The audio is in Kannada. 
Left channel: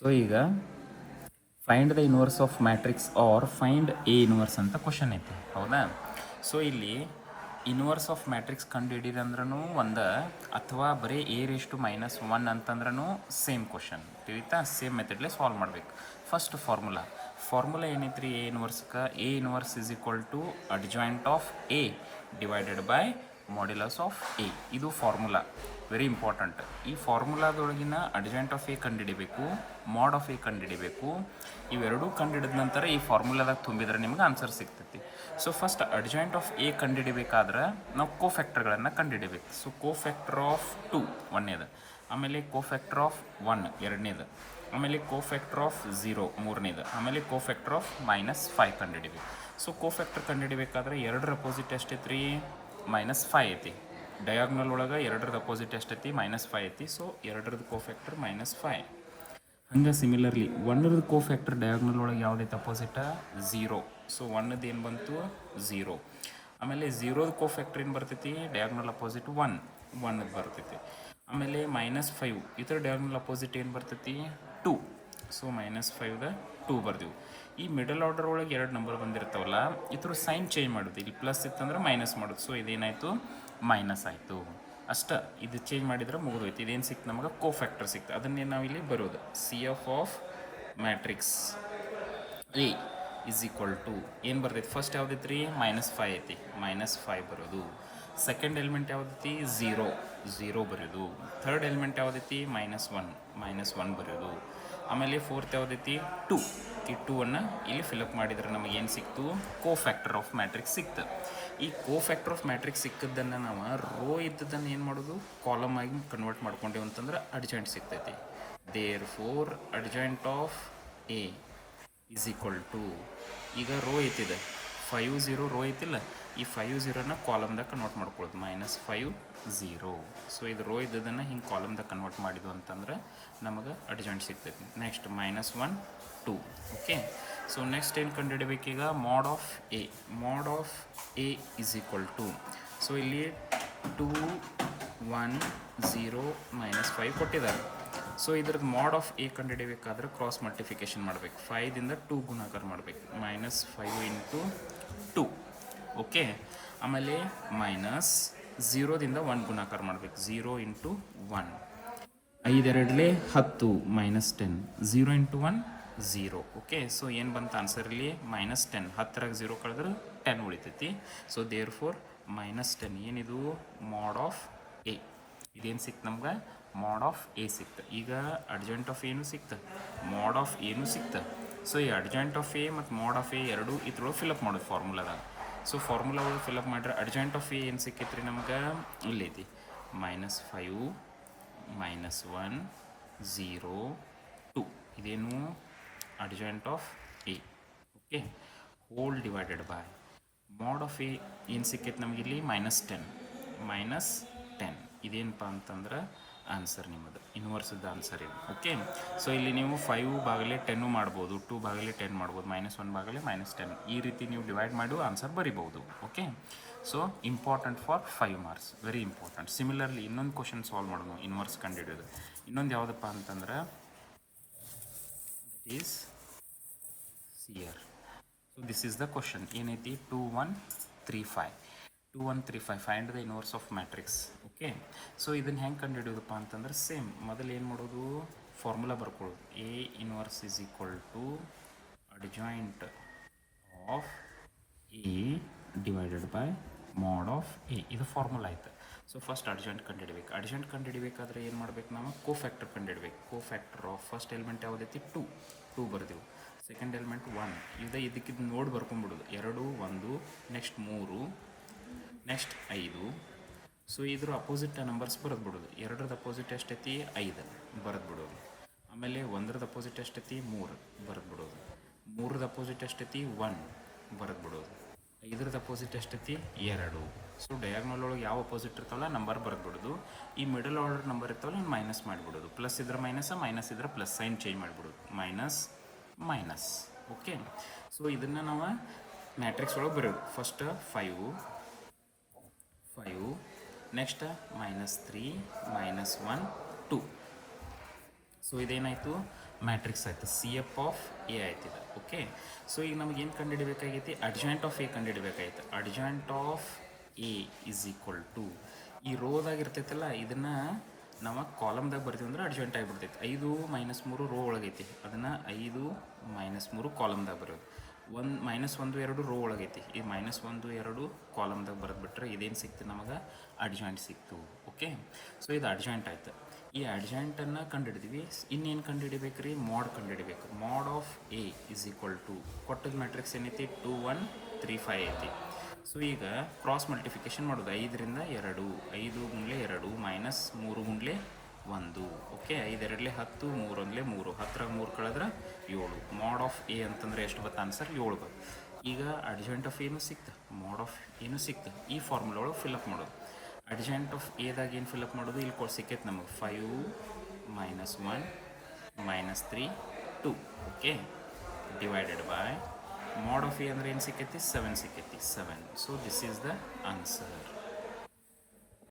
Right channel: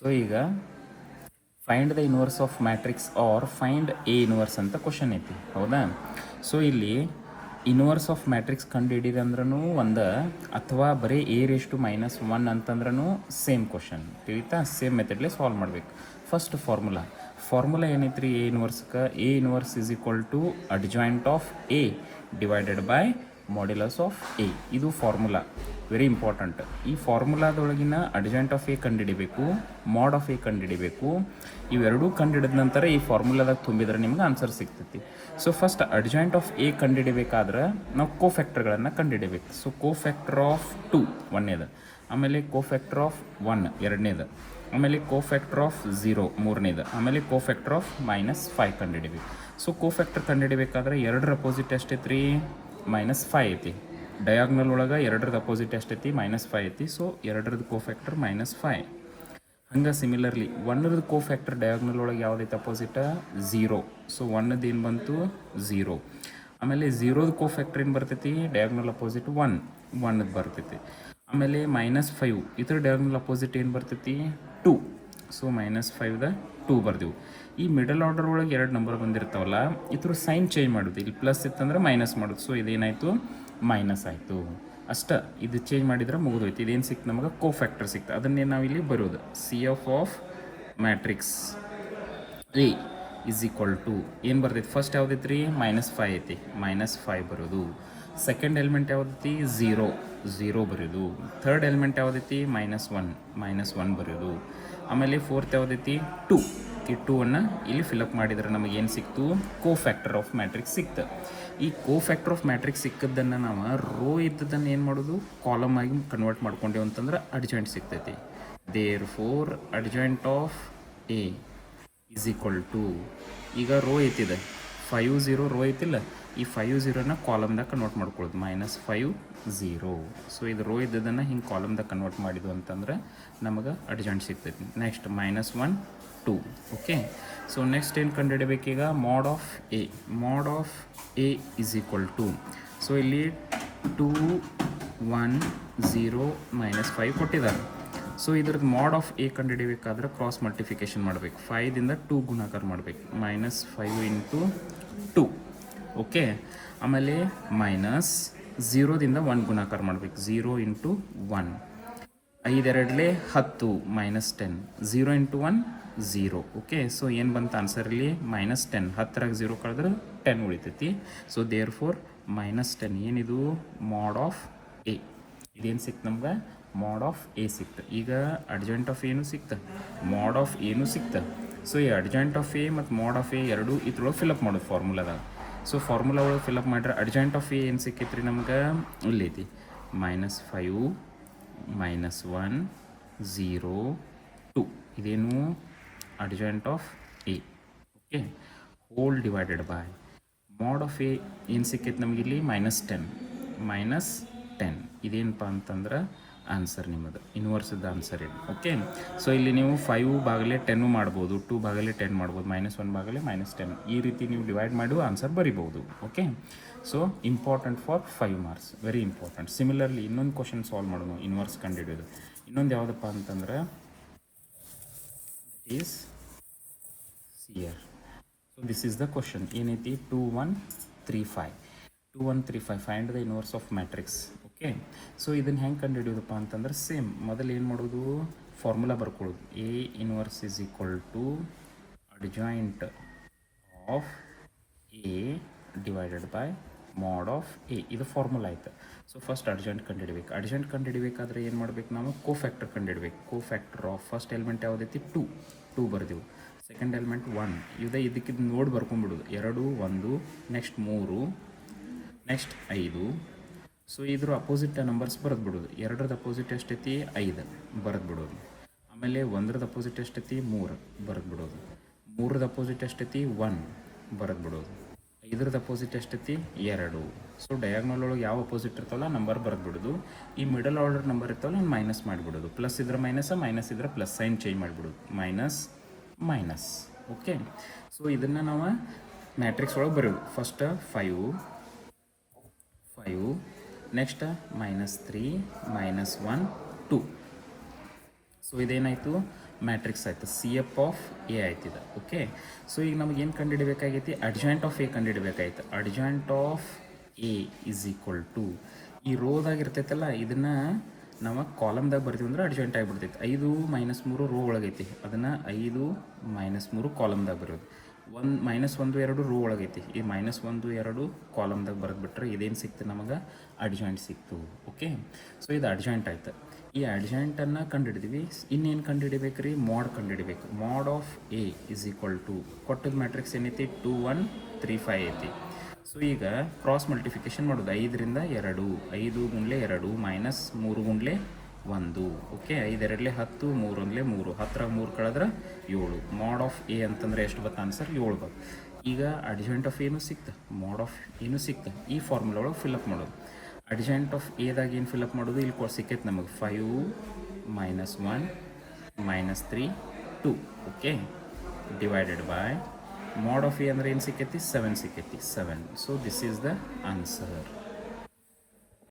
ಸೊ ಈಗ find the inverse of matrix or find A inverse ಅಂತ ಕ್ವಶನ್ ಐತಿ, ಹೌದಾ? ಸೊ ಇಲ್ಲಿ ಇನ್ವರ್ಸ್ ಆಫ್ ಮ್ಯಾಟ್ರಿಕ್ಸ್ ಕಂಡು ಹಿಡೀರಿ ಅಂದ್ರೂ ಒಂದು, ಅಥವಾ ಬರೀ A⁻⁻1 ಅಂತಂದ್ರೂ ಸೇಮ್ ಕ್ವಶನ್, ತಿಳಿತಾ? ಸೇಮ್ ಮೆಥಡ್ಲೇ ಸಾಲ್ವ್ ಮಾಡ್ಬೇಕು. ಫಸ್ಟ್ ಫಾರ್ಮುಲಾ ಏನೈತ್ರಿ ಎ ಇನ್ವರ್ಸ್ಗೆ? A inverse is equal to adjoint of A divided by modulus of A. ಇದು ಫಾರ್ಮುಲಾ, ವೆರಿ ಇಂಪಾರ್ಟೆಂಟ್. ಈ ಫಾರ್ಮುಲಾದೊಳಗಿನ ಅಡ್ಜಾಯಿಂಟ್ ಆಫ್ ಎ ಕಂಡುಹಿಡಿಬೇಕು, ಮಾಡ್ ಆಫ್ ಎ ಕಂಡುಹಿಡಿಬೇಕು. ಇವೆರಡೂ ಕಂಡುಹಿಡಿದ ನಂತರ ಈ ಫಾರ್ಮುಲಾದಾಗ ತುಂಬಿದ್ರೆ ನಿಮ್ಗೆ ಆನ್ಸರ್ ಸಿಗ್ತೈತಿ. So first adjoint of A ಕಂಡುಹಿಡಿಬೇಕಾದ್ರೆ ನಾವು ಕೋಫ್ಯಾಕ್ಟರ್ಗಳನ್ನು ಕಂಡುಹಿಡಿಬೇಕು. ಸೊ ಕೋಫ್ಯಾಕ್ಟರ್ ಆಫ್ 2 ಒಂದನೇದು, ಆಮೇಲೆ ಕೋಫ್ಯಾಕ್ಟರ್ ಆಫ್ 1 ಎರಡನೇದು, ಆಮೇಲೆ ಕೋಫ್ಯಾಕ್ಟರ್ ಆಫ್ 0 ಮೂರನೇದು, ಆಮೇಲೆ ಕೋಫ್ಯಾಕ್ಟರ್ ಆಫ್ -5 ಕಂಡುಹಿಡಿಬೇಕು. ಸೊ ಕೋಫ್ಯಾಕ್ಟರ್ ಕಂಡುಹಿಡಿಬೇಕಾದ್ರೆ ಎರಡರ ಅಪೋಸಿಟ್ ಎಷ್ಟೈತ್ರಿ? -5 ಐತಿ. ಡಯಾಗ್ನಲ್ ಒಳಗೆ ಎರಡರದ ಅಪೋಸಿಟ್ ಎಷ್ಟೈತಿ? -5 ಐತಿ. ಸೊ ಎರಡರದ್ದು ಕೋಫ್ಯಾಕ್ಟರ್ -5. ಹಂಗೆ ಸಿಮಿಲರ್ಲಿ ಒನ್ನರದ್ದು ಕೋಫ್ಯಾಕ್ಟರ್ ಡಯಾಗ್ನಲ್ ಒಳಗೆ ಯಾವುದೈತೆ ಅಪೋಸಿಟ? 0. ಸೊ ಒನ್ನದು ಏನು ಬಂತು? 0. ಆಮೇಲೆ 0ದ ಕೋಫ್ಯಾಕ್ಟರ್ ಏನು ಬರ್ತೈತಿ? ಡಯಾಗ್ನಲ್ ಅಪೋಸಿಟ್ 1ದು ಬರ್ತೈತಿ. ಆಮೇಲೆ -5 ಇದ್ರ ಡಯಾಗ್ನಲ್ ಅಪೋಸಿಟ್ ಏನು ಬರ್ತೈತಿ? 2. ಸೊ -5ದ 2 ಬರ್ದೆವು. ಈ ಮಿಡಲ್ ಆರ್ಡರ್ ಒಳಗೆ ಎರಡು ನಂಬರ್ ಬಂದಿರ್ತಾವಲ್ಲ, ಇದ್ರ ಸೈನ್ ಚೇಂಜ್ ಮಾಡೋದು. ಇಲ್ಲಿ ಪ್ಲಸ್ ಇತ್ತಂದ್ರೆ ಮೈನಸ್ ಮಾಡೋದು. ಸೊ ಇದೇನಾಯಿತು? ಮೈನಸ್ ಆಯಿತು. ಅಷ್ಟ. ಇದು ಚೇಂಜ್ ಮಾಡಿದ್ರೆ ಮುಗಿದೋಯ್ತು. ಇದೇನು ಸಿಕ್ತು ನಮಗೆ? ಕೋಫ್ಯಾಕ್ಟರ್ ಸಿಕ್ತು. ಅದನ್ನೇ ನಾವಿಲ್ಲಿ ಬರೋದು, CF of matrix A is equal to ಏನು ಬರ್ತೈತಿ? ಫಸ್ಟ್ ಯಾವುದೈತಿ ರೀ? -5 ಐತಿ, -5 ಬರೋದು. Second element ಯಾವುದೈತಿ? 0 ಬರೋದು. Third element ಯಾವುದೈತಿ? -1 ಬರೋದು. ಆಮೇಲೆ ಫೋರ್ತ್ ಯಾವುದೈತಿ? 2. ಈ 2ಅನ್ನು ಇಲ್ಲಿ ಫಿಲಪ್ ಮಾಡಿದರೆ ನಮಗೆ ಏನು ಸಿಕ್ತು? ಕೋಫ್ಯಾಕ್ಟರ್ ಆಫ್ ಮ್ಯಾಟ್ರಿಕ್ಸ್ ಸಿಕ್ತು. ಈ ಕೋಫ್ಯಾಕ್ಟರ್ ಆಫ್ ಮ್ಯಾಟ್ರಿಕ್ಸ್ ಸಿಕ್ಕದ್ದನ್ನು ನಾವು ರೋ ಇದ್ದದನ್ನು ಏನು ಮಾಡೋದು? ಕಾಲಮ್ ಆಗಿ ಕನ್ವರ್ಟ್ ಮಾಡ್ಕೊಂಡೇವು ಅಂತಂದ್ರೆ ಅಡ್ಜಾಯಿಂಟ್ ಸಿಗ್ತೈತಿ. Therefore adjoint of A is equal to, ಈಗ ರೋ ಐತಿದೆ 5 0 ರೋ ಐತಿಲ್ಲ, ಈ 5 0ನ ಕಾಲಮ್ದಾಗ ಕನ್ವರ್ಟ್ ಮಾಡ್ಕೊಳ್ಳೋದು, -5 0. ಸೊ ಇದು ರೋ ಇದ್ದದನ್ನು ಹಿಂಗೆ ಕಾಲಮ್ದಾಗ ಕನ್ವರ್ಟ್ ಮಾಡಿದ್ವು ಅಂತಂದ್ರೆ ನಮಗೆ ಅಡ್ಜಾಯಿಂಟ್ ಸಿಗ್ತೈತಿ. ನೆಕ್ಸ್ಟ್ -1 2. ಓಕೆ. ಸೊ ನೆಕ್ಸ್ಟ್ ಏನು ಕಂಡುಹಿಡಬೇಕೀಗ? Mod of A. Mod of A is equal to, so ಇಲ್ಲಿ 2 1 0 -5 ಕೊಟ್ಟಿದ್ದಾರೆ. ಸೊ ಇದ್ರದ್ದು ಮಾಡ್ ಆಫ್ ಎ ಕಂಡುಹಿಡಿಬೇಕಾದ್ರೆ ಕ್ರಾಸ್ ಮಲ್ಟಿಫಿಕೇಶನ್ ಮಾಡಬೇಕು. 5ದಿಂದ 2 ಗುಣಾಕಾರ ಮಾಡಬೇಕು, -5 ಇಂಟು 2. ಓಕೆ. ಆಮೇಲೆ -0ದಿಂದ 1 ಗುಣಾಕಾರ ಮಾಡಬೇಕು, 0 ಇಂಟು 1. 5 2 10 -10, 0 ಇಂಟು 1 0. ಓಕೆ. ಸೊ ಏನು ಬಂತು ಆನ್ಸರ್ ಇಲ್ಲಿ? -10. 10ರಾಗ 0 ಕಳೆದ್ರೆ 10 ಉಳಿತೈತಿ. ಸೊ ದೇರ್ ಫೋರ್ -10 ಏನಿದು? ಮಾಡ್ ಆಫ್ ಎ. ಇದೇನು ಸಿಕ್ತು ನಮ್ಗೆ? ಮಾಡ್ ಆಫ್ ಎ ಸಿಕ್ತು. ಈಗ ಅಡ್ಜಾಯಿಂಟ್ ಆಫ್ ಎನು ಸಿಕ್ತು, ಮಾಡ್ ಆಫ್ ಎನು ಸಿಕ್ತು. ಸೊ ಈ ಅಡ್ಜಾಯಿಂಟ್ ಆಫ್ ಎ ಮತ್ತು ಮಾಡ್ ಆಫ್ ಎ ಎರಡು ಇದ್ರೊಳಗೆ ಫಿಲಪ್ ಮಾಡೋದು ಫಾರ್ಮುಲಾದಾಗ. ಸೊ ಫಾರ್ಮುಲಾ ಒಳಗೆ ಫಿಲಪ್ ಮಾಡಿದ್ರೆ ಅಡ್ಜಾಯಿಂಟ್ ಆಫ್ ಎ ಏನು ಸಿಕ್ಕೈತ್ರಿ ನಮ್ಗೆ? ಇಲ್ಲೈತಿ -5 -1 0 2. ಇದೇನು? Adjoint of A. Okay. Whole divided by mod of A ಏನು ಸಿಕ್ಕೈತೆ ನಮಗಿಲ್ಲಿ? -10 ಇದೇನಪ್ಪ ಅಂತಂದ್ರೆ ಆನ್ಸರ್ ನಿಮ್ಮದು, ಇನ್ವರ್ಸ್ದ ಆನ್ಸರ್ ಏನು. ಓಕೆ. ಸೊ ಇಲ್ಲಿ ನೀವು 5/10 ಮಾಡ್ಬೋದು, 2/10 ಮಾಡ್ಬೋದು, -1/-10 ಈ ರೀತಿ ನೀವು ಡಿವೈಡ್ ಮಾಡಿ ಆನ್ಸರ್ ಬರಿಬೋದು. Okay. So important for 5 marks, very important. Similarly ಇನ್ನೊಂದು ಕ್ವಶನ್ ಸಾಲ್ವ್ ಮಾಡೋಣ, ಇನ್ವರ್ಸ್ ಕಂಡುಹಿಡಿಯೋದು. ಇನ್ನೊಂದು ಯಾವುದಪ್ಪ ಅಂತಂದ್ರೆ is here. So this is the question. ಏನೈತಿ? 2135 find the inverse of matrix. Okay. So ಇದನ್ನು ಹೆಂಗೆ ಕಂಡುಹಿಡಿಯೋದಪ್ಪ ಅಂತಂದ್ರೆ ಸೇಮ್ ಮೊದಲು ಏನು ಮಾಡೋದು? ಫಾರ್ಮುಲಾ ಬರ್ಕೊಳ್ಳೋದು. A inverse is equal to adjoint of A divided by mod of A. ಇದು ಫಾರ್ಮುಲಾ ಆಯ್ತು. ಸೊ ಫಸ್ಟ್ ಅಡ್ಜಾಯಿಂಟ್ ಕಂಡುಹಿಡಬೇಕು. ಅಡ್ಜಾಯಿಂಟ್ ಕಂಡುಹಿಡಬೇಕಾದ್ರೆ ಏನು ಮಾಡ್ಬೇಕು ನಾವು? ಕೋಫ್ಯಾಕ್ಟರ್ ಕಂಡುಹಿಡಬೇಕು. ಕೋಫ್ಯಾಕ್ಟರ್ ಆಫ್ ಫಸ್ಟ್ ಎಲಿಮೆಂಟ್ ಯಾವುದೈತಿ? 2 ಬರ್ದೆವು. Second element 1. ಇದಕ್ಕಿದ್ದು ನೋಡಿ ಬರ್ಕೊಂಡ್ಬಿಡೋದು. 2 1 ನೆಕ್ಸ್ಟ್ 3 ನೆಕ್ಸ್ಟ್ 5. ಸೊ ಇದ್ರ ಅಪೋಸಿಟ್ ನಂಬರ್ಸ್ ಬರೆದ್ಬಿಡೋದು. 2ರದ ಅಪೋಸಿಟ್ ಎಷ್ಟೈತಿ? 5 ಬರೆದ್ಬಿಡೋದು. ಆಮೇಲೆ 1ರದ ಅಪೋಸಿಟ್ ಎಷ್ಟೈತಿ? 3 ಬರೆದ್ಬಿಡೋದು. 3ರದ ಅಪೋಸಿಟ್ ಎಷ್ಟೈತಿ? 1 ಬರೆದ್ಬಿಡೋದು. 5ರದ ಅಪೋಸಿಟ್ ಎಷ್ಟೈತಿ? 2. ಸೊ ಡಯಾಗ್ನಲ್ ಒಳಗೆ ಯಾವ ಅಪೋಸಿಟ್ ಇರ್ತಾವಲ್ಲ ನಂಬರ್ ಬರೆದ್ಬಿಡೋದು. ಈ ಮಿಡಲ್ ಆರ್ಡರ್ ನಂಬರ್ ಇರ್ತಾವಲ್ಲ ಮೈನಸ್ ಮಾಡಿಬಿಡೋದು. ಪ್ಲಸ್ ಇದ್ರೆ ಮೈನಸ್, ಮೈನಸ್ ಇದ್ರೆ ಪ್ಲಸ್, ಸೈನ್ ಚೇಂಜ್ ಮಾಡಿಬಿಡೋದು, ಮೈನಸ್. ಓಕೆ. ಸೊ ಇದನ್ನು ನಾವು ಮ್ಯಾಟ್ರಿಕ್ಸ್ ಒಳಗೆ ಬರೋದು. First 5 next -3 -1 2. ಸೊ ಇದೇನಾಯಿತು ಮ್ಯಾಟ್ರಿಕ್ಸ್ ಆಯಿತು ಸಿ ಎಫ್ ಆಫ್ ಎ ಆಯ್ತಿದೆ ಓಕೆ. ಸೊ ಈಗ ನಮ್ಗೆ ಏನು ಕಂಡುಹಿಡಬೇಕಾಗೈತಿ ಅಡ್ಜಾಯಿಂಟ್ ಆಫ್ ಎ ಕಂಡುಹಿಡಬೇಕಾಯ್ತು. Adjoint of A is equal to ಈ ರೋದಾಗ ಇರ್ತೈತಲ್ಲ ಇದನ್ನು ನಾವು ಕಾಲಮ್ದಾಗ ಬರ್ತೀವಿ ಅಂದ್ರೆ ಅಡ್ಜಾಯಿಂಟ್ ಆಗಿಬಿಡ್ತೈತಿ. 5 - 3 ರೋ ಒಳಗೈತಿ ಅದನ್ನು 5 - 3 ಕಾಲಮ್ದಾಗ ಬರೋದು. -1 2 ರೋ ಒಳಗೈತಿ ಈ -1 2 ಕಾಲಮ್ದಾಗ ಬರೆದ್ಬಿಟ್ರೆ ಇದೇನು ಸಿಕ್ತು ನಮಗೆ ಅಡ್ಜಾಯಿಂಟ್ ಸಿಕ್ತು ಓಕೆ. ಸೊ ಇದು ಅಡ್ಜಾಯಿಂಟ್ ಆಯ್ತು. ಈ ಅಡ್ಜಾಯಿಂಟನ್ನು ಕಂಡುಹಿಡಿದ್ವಿ. ಇನ್ನೇನು ಕಂಡುಹಿಡಿಬೇಕು ರೀ ಮಾಡ್ ಕಂಡುಹಿಡಿಬೇಕು. Mod of A is equal to ಕೊಟ್ಟದ ಮ್ಯಾಟ್ರಿಕ್ಸ್ ಏನೈತಿ 2 1 3 5 ಐತಿ. ಸೊ ಈಗ ಕ್ರಾಸ್ ಮಲ್ಟಿಫಿಕೇಶನ್ ಮಾಡೋದು 5 ರಿಂದ 2 5 ಗುಂಡ್ಲೆ 2 -3 ಗುಂಡ್ಲೆ 1 ಓಕೆ. 5 2 10 3 1 3 10 3 ಕಳೆದ್ರೆ 7. ಮಾಡ್ ಆಫ್ ಎ ಅಂತಂದರೆ ಎಷ್ಟು ಬತ್ತು ಆನ್ಸರ್ 7 ಬತ್ತು. ಈಗ ಅಡ್ಜಾಯಿಂಟ್ ಆಫ್ ಏನು ಸಿಕ್ತು ಮಾಡ್ ಆಫ್ ಏನು ಸಿಕ್ತು ಈ ಫಾರ್ಮುಲಾ ಒಳಗೆ ಫಿಲ್ಅಪ್ ಮಾಡೋದು. ಅಡ್ಜಾಯಿಂಟ್ ಆಫ್ ಎದಾಗ ಏನು ಫಿಲ್ಅಪ್ ಮಾಡೋದು ಇಲ್ಲಿ ಸಿಕ್ಕೈತೆ ನಮಗೆ 5 -1 -3 2 okay divided by mod of A ಅಂದರೆ ಏನು ಸಿಕ್ಕೈತಿ 7 ಸಿಕ್ಕೈತಿ 7. So this is the answer.